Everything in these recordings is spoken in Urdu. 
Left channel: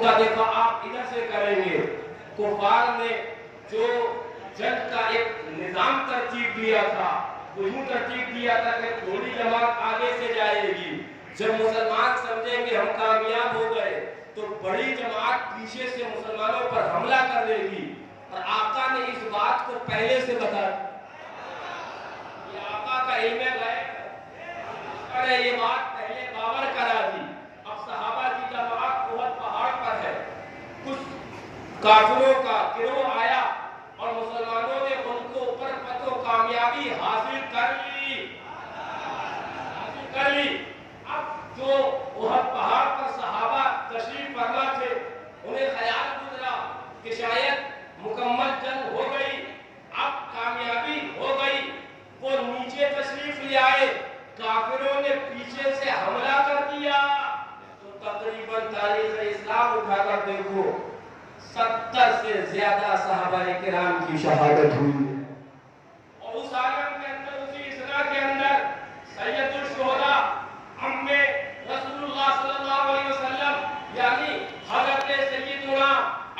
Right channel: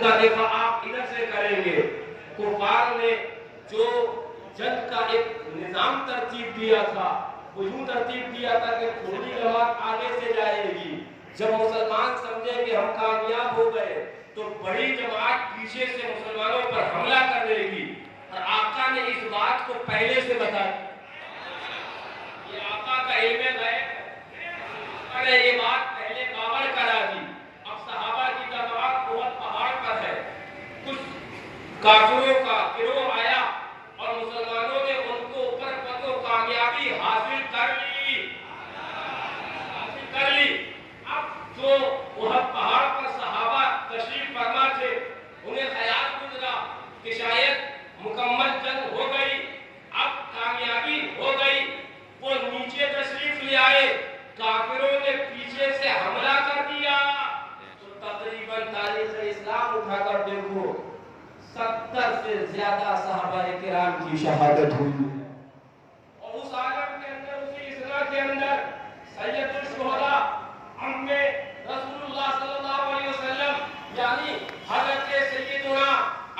کا دفاع آپ ادھر سے کریں گے. کفار نے جو جنگ کا ایک نظام ترتیب دیا تھا وہ یوں ترتیب دیا تھا کہ تھوڑی جماعت آگے سے جائے گی. جب مسلمان سمجھیں کہ ہم کامیاب ہو گئے تو بڑی جماعت پیچھے سے مسلمانوں پر حملہ کر دے گی. اور آقا نے اس بات کو پہلے سے بتا دیا. یہ آقا کا علم غیب ہے. آقا نے یہ بات پہلے باور کرا دی. اب صحابہ کی جماعت احد پہاڑ پر ہے. کچھ کافروں کا گروہ آیا اور مسلمانوں نے ان کو اوپر پتو کامیابی حاصل کر لی. اب جو احد پہاڑ پر صحابہ تشریف فرما تھے انہیں خیال گزرا کہ شاید مکمل جنگ ہو گئی, اب کامیابی ہو گئی. وہ نیچے تشریف لے آئے, کافروں نے پیچھے سے حملہ کر دیا. تو تقریباً تاریخ اسلام اٹھا کر دیکھو 70 سے زیادہ صحابہ کرام کی شہادت ہوئی. اور اس عالم کے اندر, اسی اسرا کے اندر سید الشہداء ام رسول اللہ صلی اللہ علیہ وسلم یعنی حضرت سیدنا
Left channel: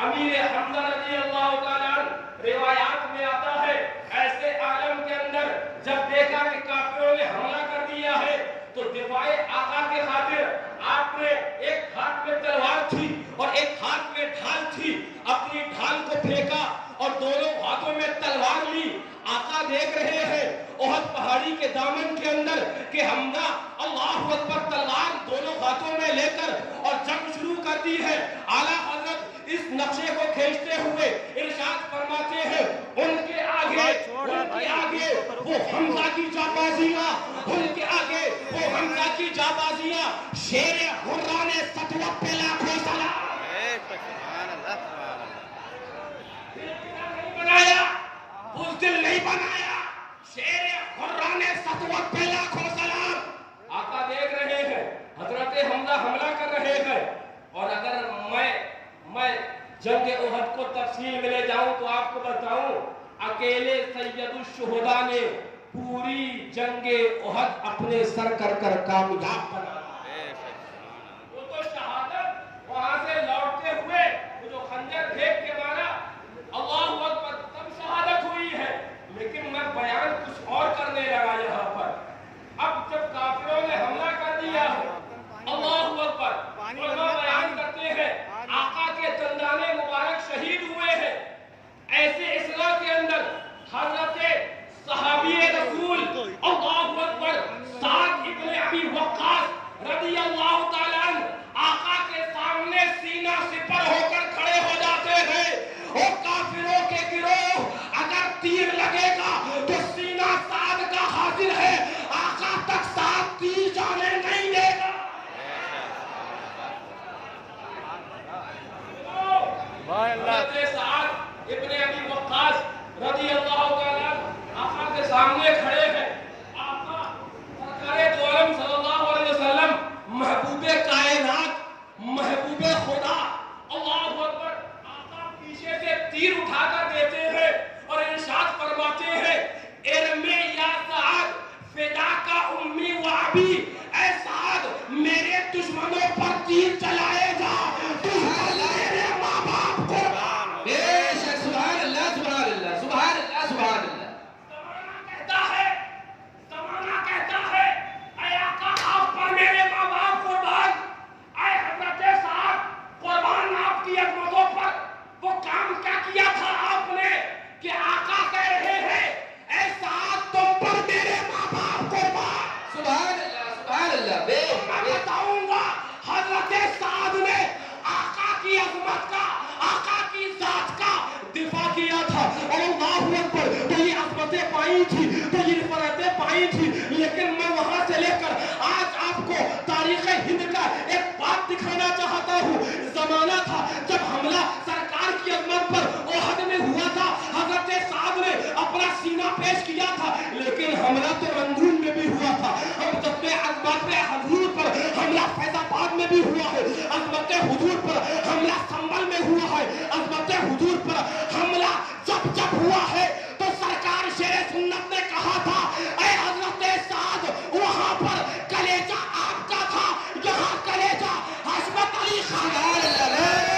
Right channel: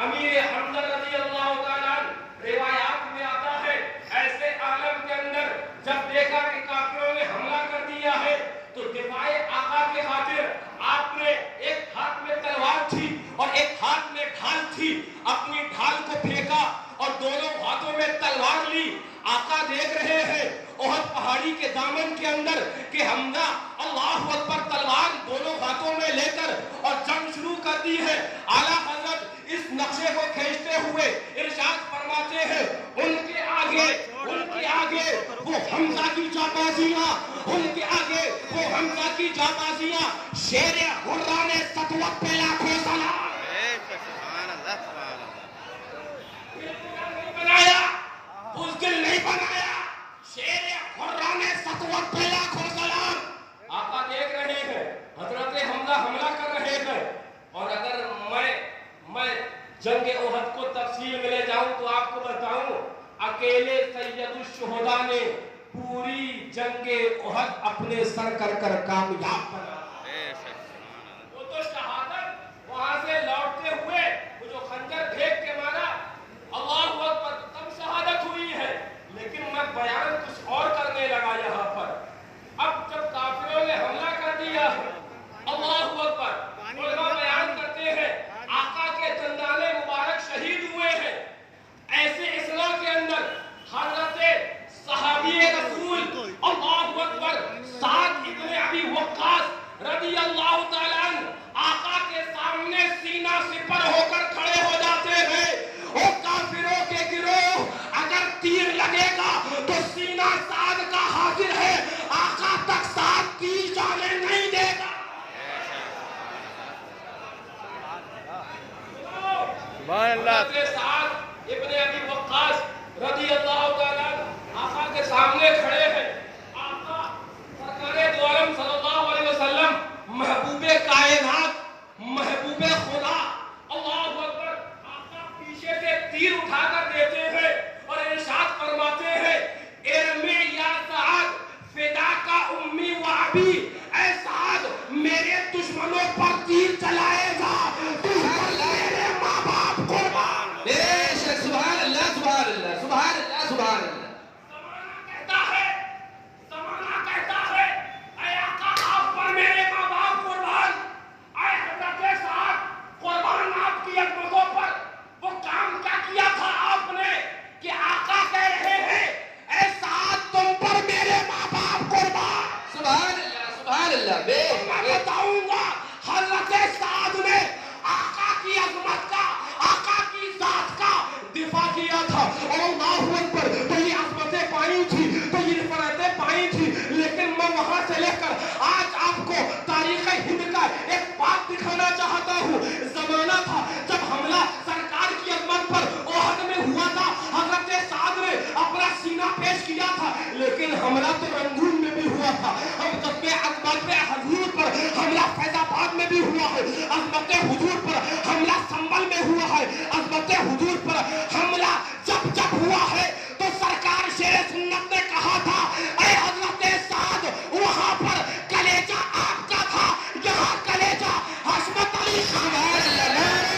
امیر حمزہ رضی اللہ تعالیٰ روایات میں آتا ہے ایسے عالم کے اندر جب دیکھا کہ کافروں نے حملہ کر دیا ہے تو دفاع آقا کے خاطر آپ نے ایک ہاتھ میں تلوار تھی اور ایک ہاتھ میں ڈھال تھی, اپنی ڈھال کو پھینکا اور دونوں ہاتھوں میں تلوار لی. آقا دیکھ رہے ہیں احد پہاڑی کے دامن کے اندر کہ حمزہ اللہ اکبر تلوار دونوں ہاتھوں میں لے کر اور جنگ شروع کر دی ہے. اعلیٰ حضرت اس نقشے کو کھینچتے ہوئے ارشاد فرماتے ہیں ان کے آگے وہ حمزہ کی جانبازیاں, ان کے آگے وہ حمزہ کی جانبازیاں. شیر حران سطوت پہ لاکھوں سلام. سبحان اللہ سبحان اللہ. بنایا بزدل نہیں بنایا, شیر حران سطوت پہ لاکھوں سلام. آقا دیکھ رہے ہیں حضرت حمزہ حملہ کر رہے ہیں. اور اگر میں جنگ احد کو تفصیل میں لے جاؤں تو آپ کو بتاؤں اکیلے سید الشہداء نے پوری جنگ احد اپنے سر کر کامیاب بنا. وہ تو شہادت وہاں سے لوٹتے ہوئے وہ جو خنجر پھینک کے مارا اللہ اکبر تب شہادت ہوئی ہے. لیکن میں بیان کچھ اور کرنے لگا یہاں پر. اب جب کافروں نے حملہ کر دیا ہے اللہ اکبر, علماء بیان کرتے ہیں آقا کے چندانے مبارک شہید ہوئے ہیں. ایسے اصلاح کے اندر حضرت صحابی رسول اللہ اکبر سعد ابن ابی وقاص رضی اللہ تعالیٰ عنہ آقا کے سامنے سینہ سپر ہو کر کھڑے ہو جاتے ہیں. اور کافروں کے گروہ اگر تیر لگے گا تو سینہ سعد کا حاضر ہے, آقا تک سعد تیر جانے نہیں دے گا. حضرت سعد ابن ابی وقاص رضی اللہ تعالیٰ آقا کے سامنے کھڑے ہیں. آقا سرکار دو عالم صلی اللہ علیہ وسلم محبوب کائنات, محبوب خدا اللہ اکبر, آقا پیچھے سے تیر اٹھا کر دیتے ہیں اور ارشاد فرماتے ہیں ارمی یا سعد فداک امی و ابی. اے سعد میرے دشمنوں پر تیر چلائے گا, تجھ پر میرے ماں باپ قربان. سبحان اللہ سبحان اللہ سبحان اللہ سبحان اللہ. زمانہ کہتا ہے اے آقا آپ پر میرے ماں باپ قربان. اے حضرت سعد قربان آپ کی عظمتوں پر. وہ کام کیا کیا تھا آپ نے کہ آقا کہہ رہے ہیں اے سعد تم پر میرے ماں باپ قربان. سبحان اللہ سبحان اللہ. میں بتاؤں گا حضرت سعد نے آقا کی عظمت کا, آقا کی ذات کا دفاع کیا تھا. اللہ اکبر, تو یہ عظمتیں پائی تھی, تو یہ نفرتیں پائی تھی, لیکن میں وہاں سے لے کر آج آپ کو تاریخ ہند کا ایک بات دکھانا چاہتا ہوں. زمانہ تھا جب حملہ سرکار کی عظمت پر احد میں ہوا تھا, حضرت سعد نے اپنا سینہ پیش کیا تھا, لیکن حملہ تو رنگون میں بھی ہوا تھا. ہم جب پہ عظمت پہ حضور پر حملہ فیض آباد میں بھی ہوا ہے, عظمت حضور پر حملہ سنبل میں ہوا ہے, عظمت حضور پر حملہ جب ہوا ہے تو سرکار شیر سنت نے کہا تھا اے حضرت سعد وہاں پر کلیجہ آپ کا تھا, یہاں کلیجہ حشمت علی خان ہے.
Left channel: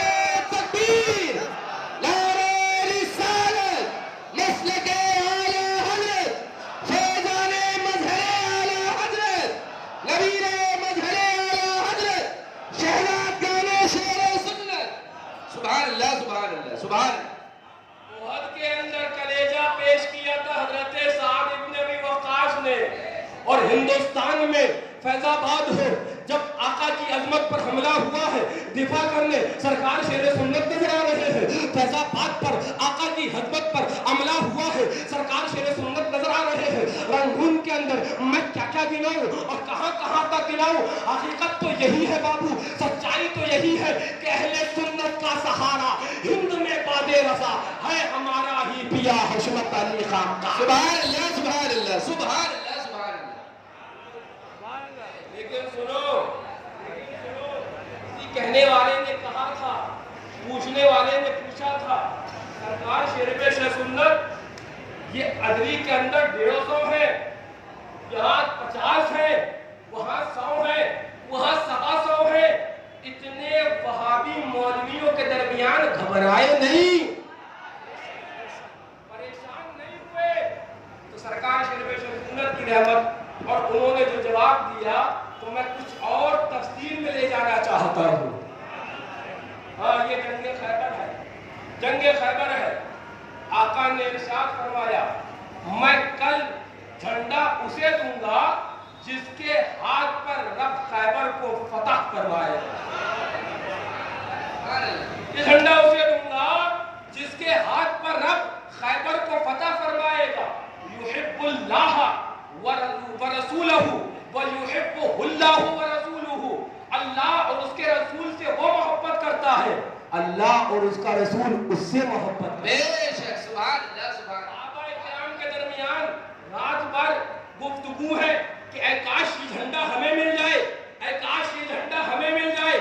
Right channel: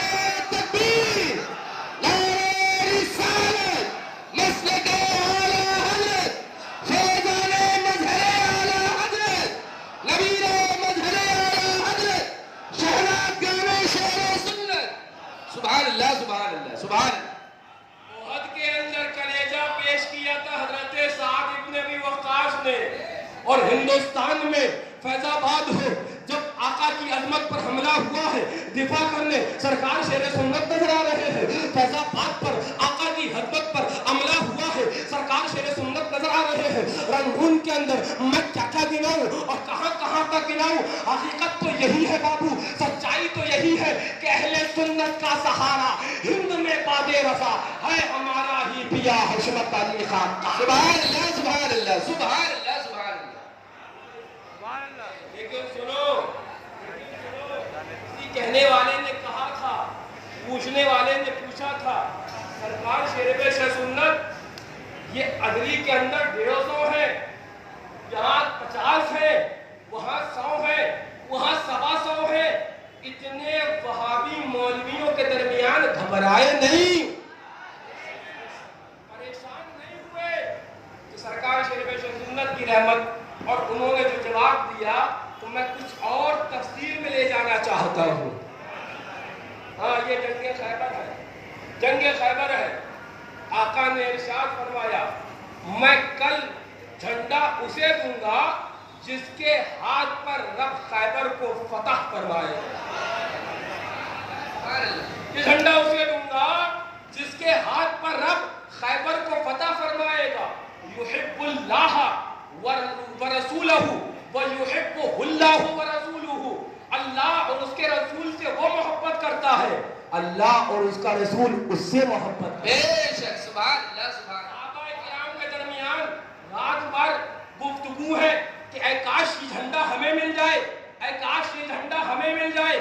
کرنے سرکار شیر سنت نظر آ رہے ہیں. فیض آباد پر آقا کی حدت پر عملہ ہوا ہے, سرکار شیر سنت نظر آ رہے ہیں. رنگون کے اندر میں کیا کیا گناؤں اور کہاں کہاں کا گناؤں. حقیقت تو یہی ہے بابو, سچائی تو یہی ہے کہ اہل سنت کا سہارا ہند میں باد رضا ہے ہمارا ہی پیا حشمت علی خان کا. سبحان اللہ سبحان اللہ سبحان اللہ سبحان اللہ. لیکن سنو, کسی کہنے والے نے کہا تھا, پوچھنے والے نے پوچھا تھا, سرکار شیر پیش سنت یہ ادری کے اندر 150 ہے, یہاں 50 ہے, وہاں 100 ہے, وہاں 125 ہے. اتنے وہابی مولویوں کے درمیان گھبرائے نہیں, پریشان نہیں ہوئے. تو سرکار شیر پیش سنت کی رحمت اور انہوں نے جو جواب دیا تو میں کچھ اور تفصیل میں لے جانا چاہتا ہوں. ہاں, یہ جنگ خیبر ہے, جنگ خیبر ہے. آقا نے ارشاد فرمایا میں کل جھنڈا اسے دوں گا جس کے ہاتھ پر رب خیبر کو فتح فرمائے. یہ جھنڈا اسے دوں گا جس کے ہاتھ پر رب خیبر کو فتح فرمائے گا. یحب اللہ ورسولہ ویحبہ اللہ ورسولہ. اللہ اور اس کے رسول سے وہ محبت کرتا ہے, اللہ اور اس کا رسول اس سے محبت کرتا ہے. سبحان اللہ سبحان اللہ. صحابہ کرام کے درمیان رات بھر گفتگو ہے کہ اے کاش یہ جھنڈا ہمیں مل جائے, اے کاش یہ جھنڈا ہمیں مل جائے.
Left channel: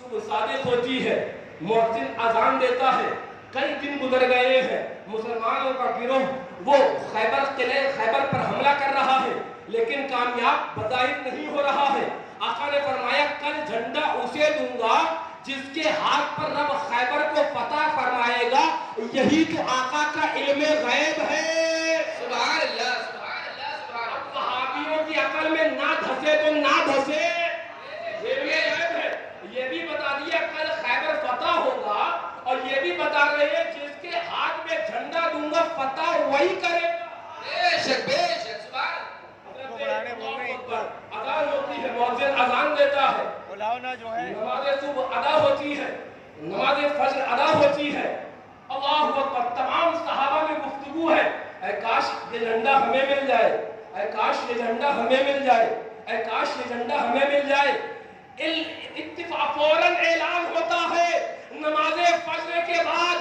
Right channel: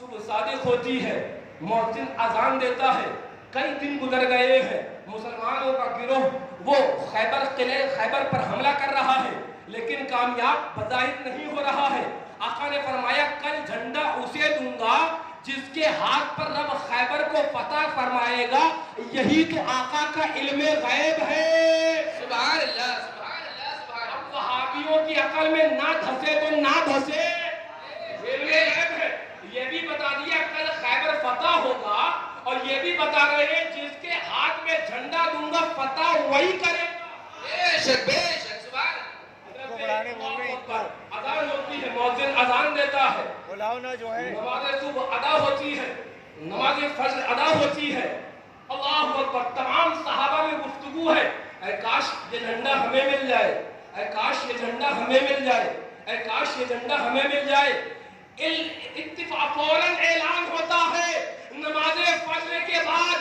صبح صادق ہوتی ہے, مؤذن اذان دیتا ہے, کئی دن گزر گئے ہیں, مسلمانوں کا گروہ وہ خیبر پر حملہ کر رہا ہے لیکن کامیاب بظاہر نہیں ہو رہا ہے. آقا نے فرمایا کل جھنڈا اسے دوں گا جس کے ہاتھ پر رب خیبر کو فتح فرمائے گا. یہی تو آقا کا علم غیب ہے. سبحان اللہ سبحان اللہ سبحان اللہ. وہابیوں کی عقل میں نہ دھسے تو نہ دھسے, علم غیب ہے. یہ بھی بتا دیا کل خیبر فتح ہوگا اور یہ بھی بتا رہے ہیں جس کے ہاتھ میں جھنڈا دوں گا فتح وہی کرے گا. بے شک بے شک. اذان ہوتی ہے, مؤذن اذان دیتا ہے, نماز صبح ادا ہوتی ہے, نماز فجر ادا ہوتی ہے. اللہ اکبر. تمام صحابہ میں گفتگو ہے, اے کاش یہ جھنڈا ہمیں مل جائے, اے کاش یہ جھنڈا ہمیں مل جائے, اے کاش یہ جھنڈا ہمیں مل جائے. اتفاق فوراً اعلان ہوتا ہے نماز فجر کے بعد,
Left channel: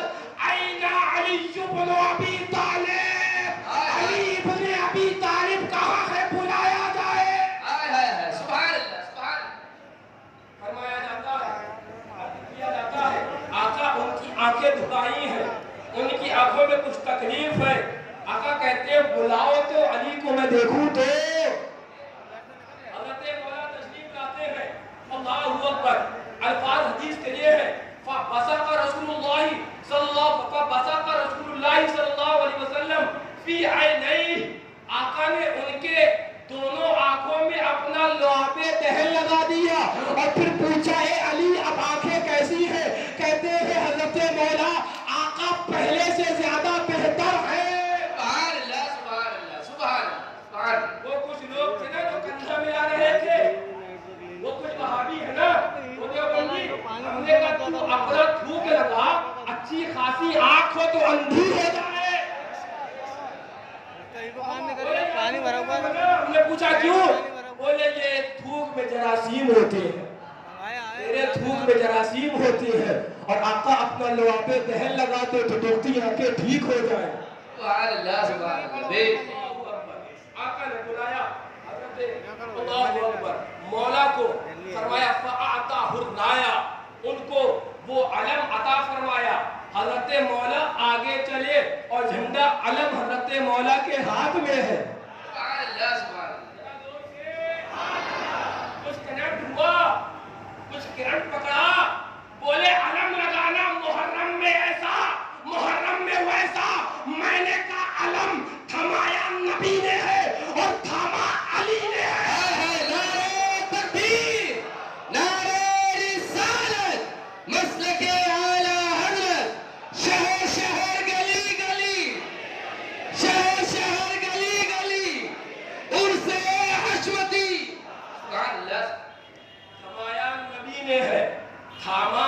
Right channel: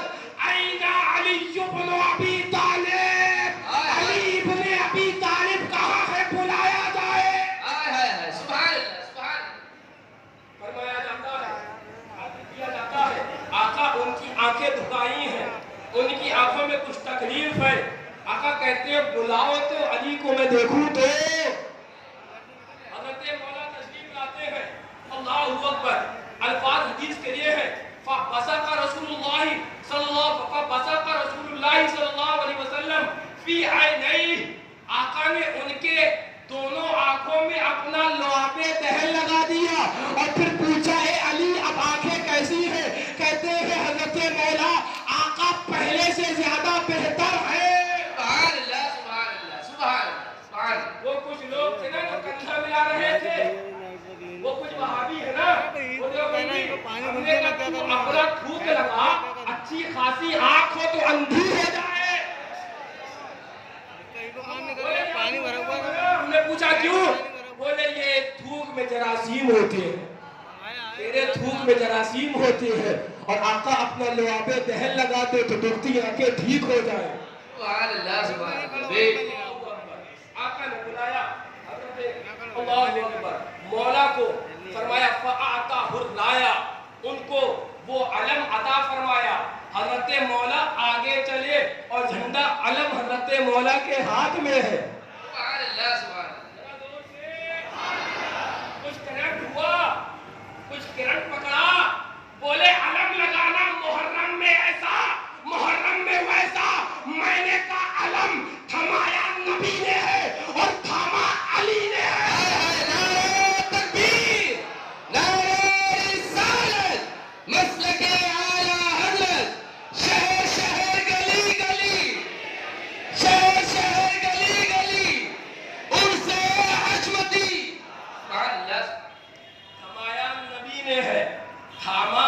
این علی بن ابی طالب, علی بن ابی طالب کہاں ہے, بلایا جائے. سبحان اللہ سبحان اللہ. فرمایا جاتا ہے, عرض کیا جاتا ہے آقا ان کی آنکھیں دھکائی ہیں, ان کی آنکھوں میں کچھ تکلیف ہے. آقا کہتے ہیں بلاؤ تو علی کو میں دیکھوں تو. حضرت مولا تشریف لاتے ہیں, اللہ اکبر. الفاظ حدیث کے لیے ہے فبصق رسول اللہ صلی اللہ علیہ وسلم فی عینیہ. آقا نے ان کے دونوں آنکھوں میں اپنا لعاب دہن لگا دیا اور پھر پوچھا ہے علی اب آنکھیں کیسی ہیں. کہتے ہیں حضرت مولا آقا پہلے سے زیادہ بہتر ہے. سبحان اللہ سبحان اللہ سبحان اللہ. وہ کچھ لوگ تھے نا جو کندھا ملا رہے تھے, وہ کچھ وہابی ہے نا, اپنا تھوک لگا, اچھی خاصی آنکھ ہو تو اندھی ہو جائے. ہم نے پوچھا کیوں, بولے یہ تھوک میں جراثیم ہوتے ہیں, تیرے تھوک میں جراثیم ہوتے ہیں اور آقا اپنا لعاب دہن لگاتے تو دکھتی آنکھیں ٹھیک ہو جائے. سبحان اللہ سبحان اللہ. آقا نے بلایا حضرت اللہ اکبر مولا کو, فرمایا فاعطاہ الرایا, ان کو وہ علم عطا فرمایا. حضرت مولا آگے چلے اور جھنڈا علم حضرت مولا کے ہاتھ میں ہے. سبحان اللہ سبحان اللہ. کچھ کرنٹ ہوا, کچھ کرنٹ پکڑا, بولے علم لگانا محرم میں ایسا, محرم میں ویسا. میں نے کہا علم تھمایا نبی نے ہے اور تھاما علی نے ہے. نعرہ تکبیر, نعرہ رسالت, مسلک اعلیٰ حضرت, شہر شہر گلی گلی, شہر شہر گلی گلی, ان سے حشمتی. تھمایا نبی نے ہے, تھاما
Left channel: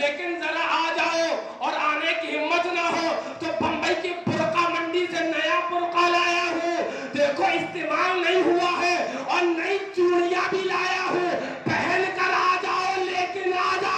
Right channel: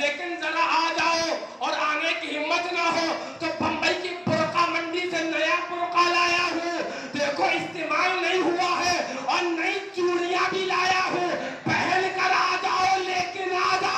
لیکن ذرا آ جاؤ اور آنے کی ہمت نہ ہو تو بمبئی کی برقع منڈی سے نیا برقع لایا ہوں، دیکھو استعمال نہیں ہوا ہے، اور نئی چوڑیاں بھی لایا ہوں، پہن کر آ جاؤ، لیکن آ جاؤ۔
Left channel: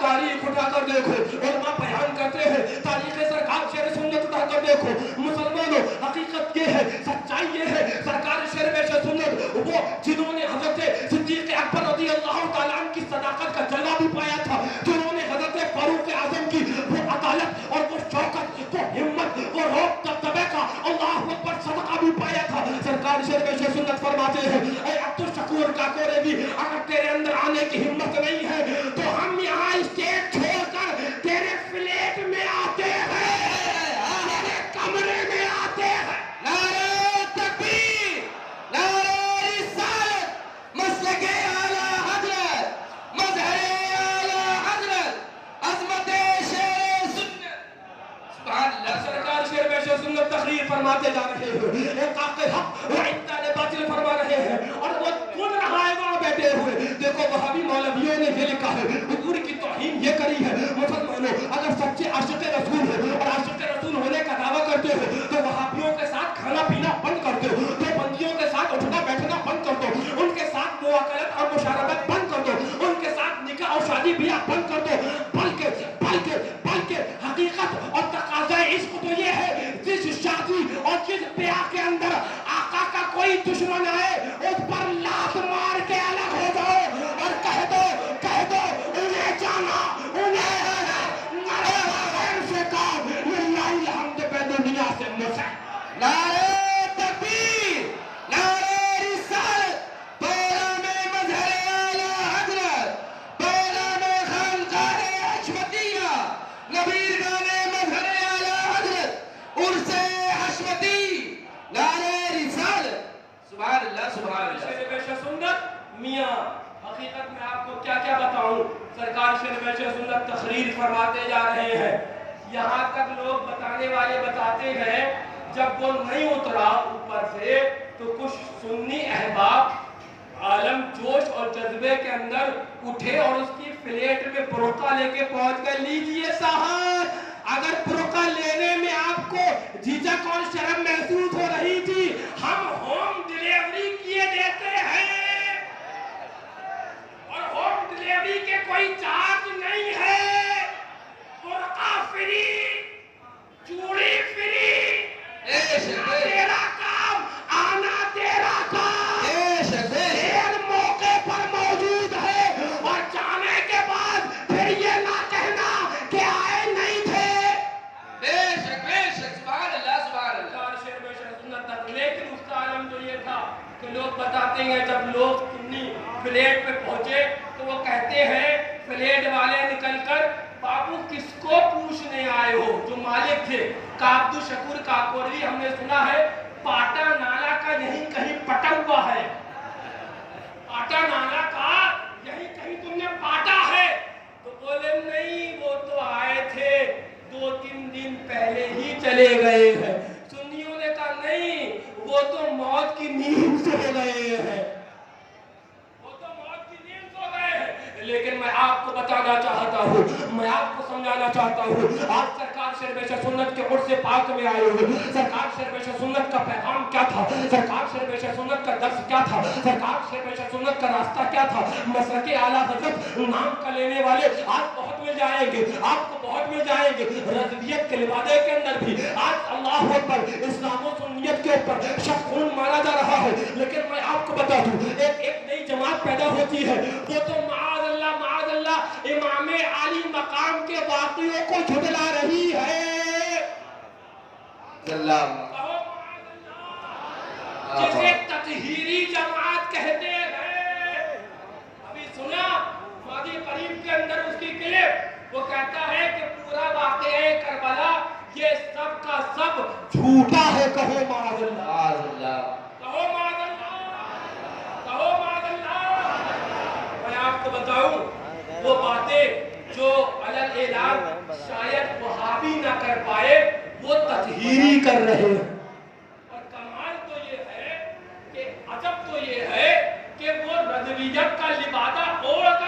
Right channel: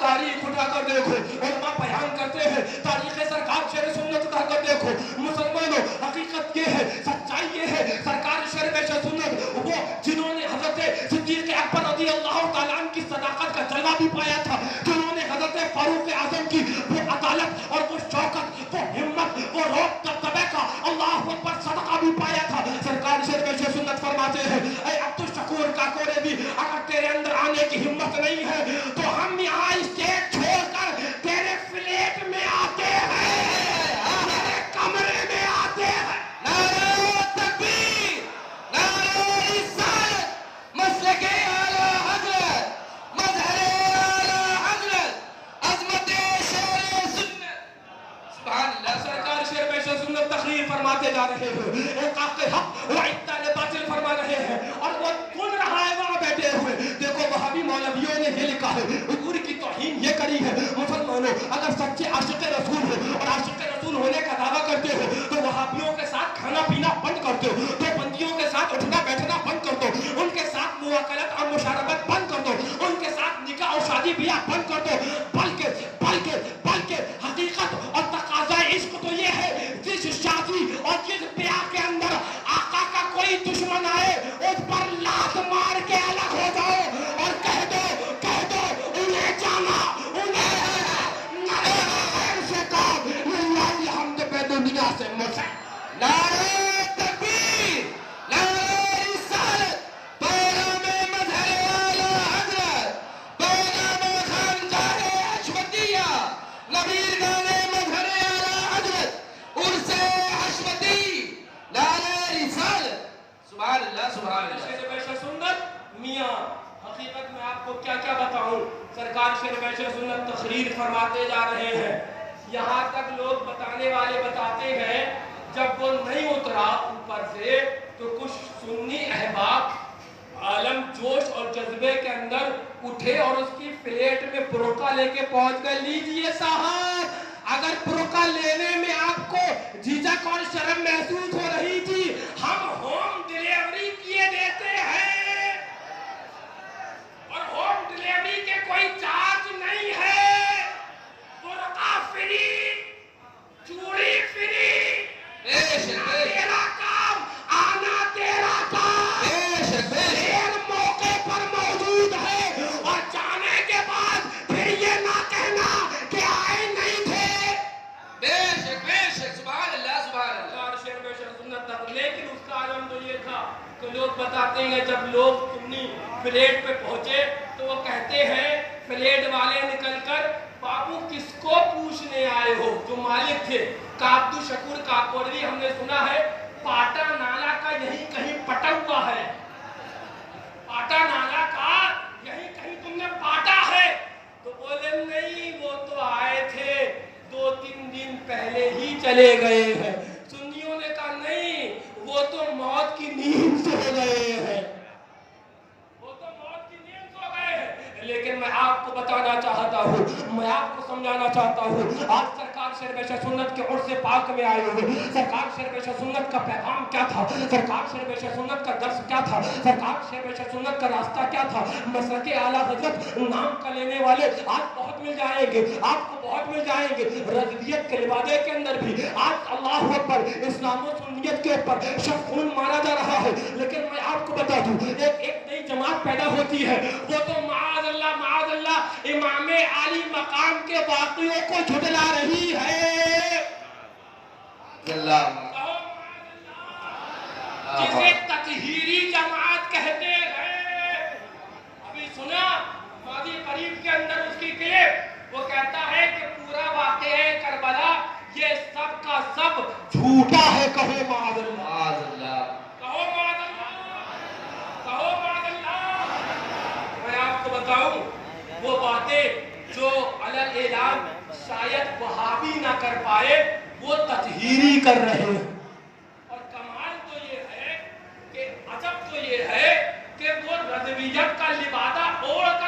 تاریخ اٹھا کر دیکھو، علماء بیان کرتے ہیں، تاریخ سرکار شیر سنت اٹھا کر دیکھو، مسلمانوں حقیقت یہ ہے، سچائی یہ ہے، سرکار شیر سنت وہ جنہوں نے حضرت صدیق اکبر رضی اللہ تعالیٰ عنہ کی صداقت کا جلوہ بھی پایا تھا، جنہوں نے حضرت فاروق اعظم کی وہ عدالت اور وہ شوکت، وہ ہمت، وہ روب دبدبے کا اللہ اکبر صدقہ بھی پایا تھا۔ سرکار شیر سنت فرماتے ہیں، اے عبدالشکور کاکورے بھی، اگر تیرے اندر آنے کی ہمت نہیں ہے تو ہم یہاں اسٹیٹ چھوڑ کر تیرے فلیٹ میں آتے ہیں، تیرے کمرے میں آتے ہیں۔ نعرہ تکبیر، نعرہ رسالت، مسلک اعلیٰ حضرت، مظہر اعلیٰ حضرت، عظمت شیر سنت، سبحان اللہ۔ سرکار شیر سنت تقریر فرماتے جا رہے ہیں، ایک آقِ حق وعدہ نے باطل فرما رہے ہیں، اور وہ سن رہا ہے وہاں بیٹھے ہوئے۔ دیکھو وہابی مولویوں نے یہ لکھا ہے، حضور کی توہین یہ کری ہے۔ مسلمانوں اگر سچے عاشق رسول ہیں اور عاشق رسول ہونے کا دعویٰ کرتے ہیں تو وہابیوں کے ساتھ کھانا پینا بند کر دو، دیوبندیوں کے ساتھ اٹھنا بیٹھنا بند کر دو، ان کے ساتھ مواکلت اور مشارکت بند کر دو، ان کے ساتھ نکاح اور شادی بیاہ بند کر دو، بلکہ حقیقت اور تقاضۂ عشق تو یہ ہے جس شادی اور جس بیاہ کے اندر آقا کا کوئی دشمن آئے اس پر لات مار کے الگ ہو جاؤ اور کہہ دو انہیں جانا، انہیں غیر سے کام، للہ الحمد پہ دنیا سے مسئلہ۔ نعرہ تکبیر، نعرہ رسالت، پیغام مظہر اعلیٰ حضرت، پیغام خانقاہ حشمتیہ، نبیرگان مظہر اعلیٰ حضرت، عرس حشمتی، نعرہ رسالت، سبحان اللہ سبحان اللہ۔ شیر سنت میاں حقیقت میں آپ کو کیا کیا بتاؤں، سرکار شیر سنت تقریر فرماتے جا رہے ہیں، یہاں تک لوگ بتانے والے بتاتے ہیں جب وہ نہیں اترا اوپر سے تو کچھ سنی احباب عالم جوش اور جذبے کے اندر اٹھے اور اس کی فلیٹ میں برقع لے کے پہنچ گئے، لیجئے صاحب اگر برقع لینے میں آپ کو جھجک اور شرم محسوس ہو رہی تھی، ہم ہوم ڈیلیوری کیے دیتے ہیں، اور ہوم ڈیلیوری کے کوئی چارج نہیں ہے، برقع فری، چوڑی فری، تیرا کام آنا، تیرا کام دیر موقع پر موجود ہے، اور جانے کے بعد پھر یہ نہ کہنا کہ آئے نہیں تھے۔ بے شک سبحان اللہ سبحان اللہ۔ لیکن اس کا عالم تو یہ تھا کہ لوگ بتاتے ہیں جب لوگ سنی فلیٹ پہ پہنچے تو وہ کہتے ہیں فلیٹ والے نکل کر، بابو کس کو پوچھنے آئے ہو؟ جو مالک تھے عبدالشکور کاکوری، ہم نے سنا ہے پاٹا نالا کا یہیں کہیں پٹا ہوا ہے، پاٹا نالا کا یہیں کہیں تم نے پاٹا ہے، تو بولے نہیں وہ تو آئے تھے 2-3 دن پہلے ہی چلے گئے ہیں۔ سنیوں نے کہا نہیں وہ تو موت کی نیند سو گئے ہیں، وہ تو موت کی نیند سو گئے ہیں۔ لیکن میں آپ کو بتانا چاہتا ہوں، میں آپ کو سمجھانا چاہتا ہوں، آپ سرکار شیر سنت کے عرص پاک میں آئے ہوئے، سرکار شیر سنت کا پیغام کیا تھا، سرکار شیر سنت کا درس کیا تھا، سرکار شیر سنت کا راستہ کیا تھا، مسلک اعلیٰ حضرت نام کا لینے والے آپ بہت مل جائیں گے، آپ کو بہت مل جائیں گے، رضویت کے لبادے کے اندر بھی آج اللہ اکبر اسلام و سنیت کے اوپر شک خون مانا جا رہا ہے، لیکن میں آپ کو بتا دوں ایک نئی جماعت پیدا ہوتی ہے، وہ تو معاذ اللہ امام عالی مقام کے واقعوں کو جھٹلا رہی ہے، جسے تطہیری جماعت کہتے ہیں۔ ابھی سنا ماضی قریب کے اندر اس کی کلپ، وہ کہتا ہے کہ پورا واقعہ کربلا یہ سب کا سب جھوٹا ہے، کہو معاذ اللہ، کہو معاذ اللہ، کہو معاذ اللہ۔ میں آپ کو بتاؤں وہ باتیں جو علی اعلان شاید وہابی نہ کر پائے وہ تطہیری کر رہے ہیں، اور کمال تو یہ ہے کہ عجب تو یہ ہے کہ وہ رضویت کا لبادہ اوڑھ کر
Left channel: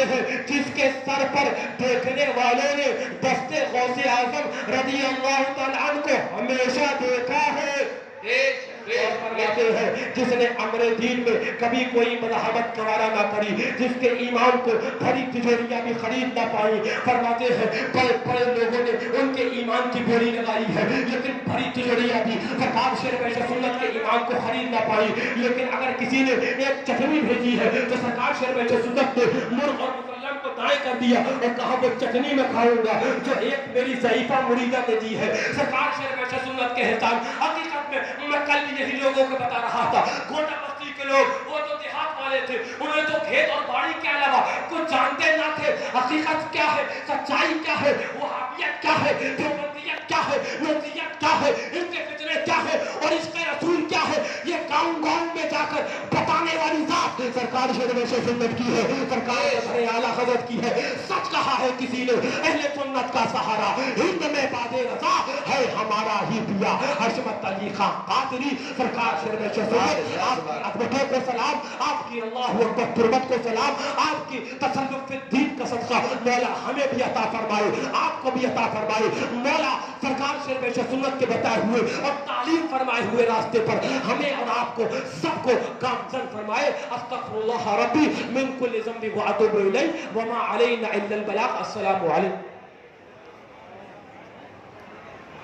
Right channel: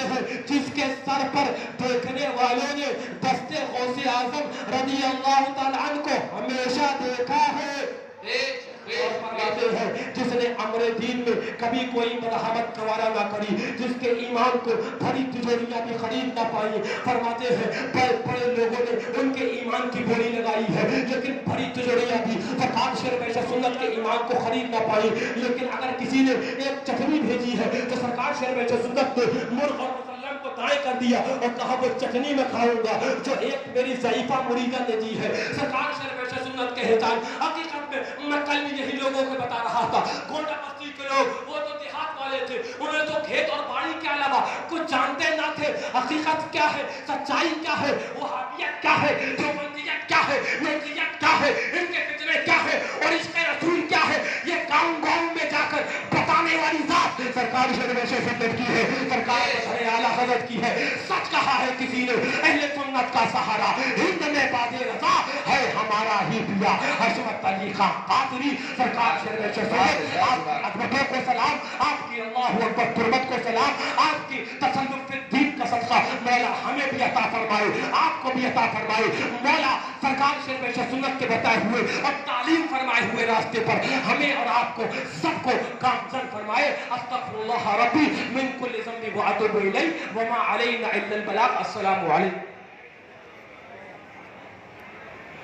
فرماتے ہیں جس کے سر پر دیکھنے والوں نے دستے غوث اعظم رضی اللہ تعالیٰ عنہ کو ہمیشہ دیکھا ہے، اور فرماتے ہیں جس نے امر دین میں کبھی کوئی مزاحمت گوارا نہ کری، جس کے ایمان کو بھری تجوریاں بھی خرید نہ پائی، فرماتے ہیں بڑے بڑے لوگوں نے ان کے ایمان کی بولی لگائی ہے لیکن بھری تجوریاں بھی سرکار شیر بیشہ سنت کے ایمان کو خرید نہ پائی، لیکن اگر کسی نے ایک چٹنی بھیجی ہے تو سرکار شیر بیشہ سنت نے مرغ اور مسلم کو دائیں کر دیا اور کہا وہ چٹنی میں کھاؤں گا جو ایک میری ضعیفہ مریدہ نے دی ہے۔ سرکار شیر بیشہ سنت کے احترام حقیقت میں کل یہی لوگوں کو بتا رہا تھا، گوٹا بستی کے لوگ وہ تو دیہات والے تھے، انہیں تو کھیت اور باڑی کے علاوہ کچھ جانتے نہ تھے، حقیقت کیا ہے، سچائی کیا ہے، وہابیت کیا ہے، دیوبندیت کیا ہے، نورزیت کیا ہے، ان کے فتنے کیا ہے اور عشق رسول کیا ہے، یہ گاؤں گاؤں میں جا کر بتانے والی ذات سرکار شیر بیشہ سنت کی ہے، سرکار اعلیٰ حضرت کی ہے۔ سچ کہا ہے کسی نے، اہل سنت کا سہارا ہند میں باد رضا ہے ہمارا ہی پیا حشمت علی خان قادری، سرکار شیر بیشہ سنت آپ کی عظمتوں کو سلام، آپ کی اللہ اکبر تربت کو سلام، آپ کی تصرف الدین کا صدقہ مولا ہمیں بھی عطا فرمائے، آپ کو بھی عطا فرمائے مولا، سرکار شیر بیشہ سنت کے بتائے ہوئے اور تعلیم فرمائے ہوئے راستے پر ہمیں اور آپ کو سب کو گامزن فرمائے۔ استغفر اللہ ربی من کل ذنب واتوب الیہ وما علینا الا البلاغ۔ السلام علیکم۔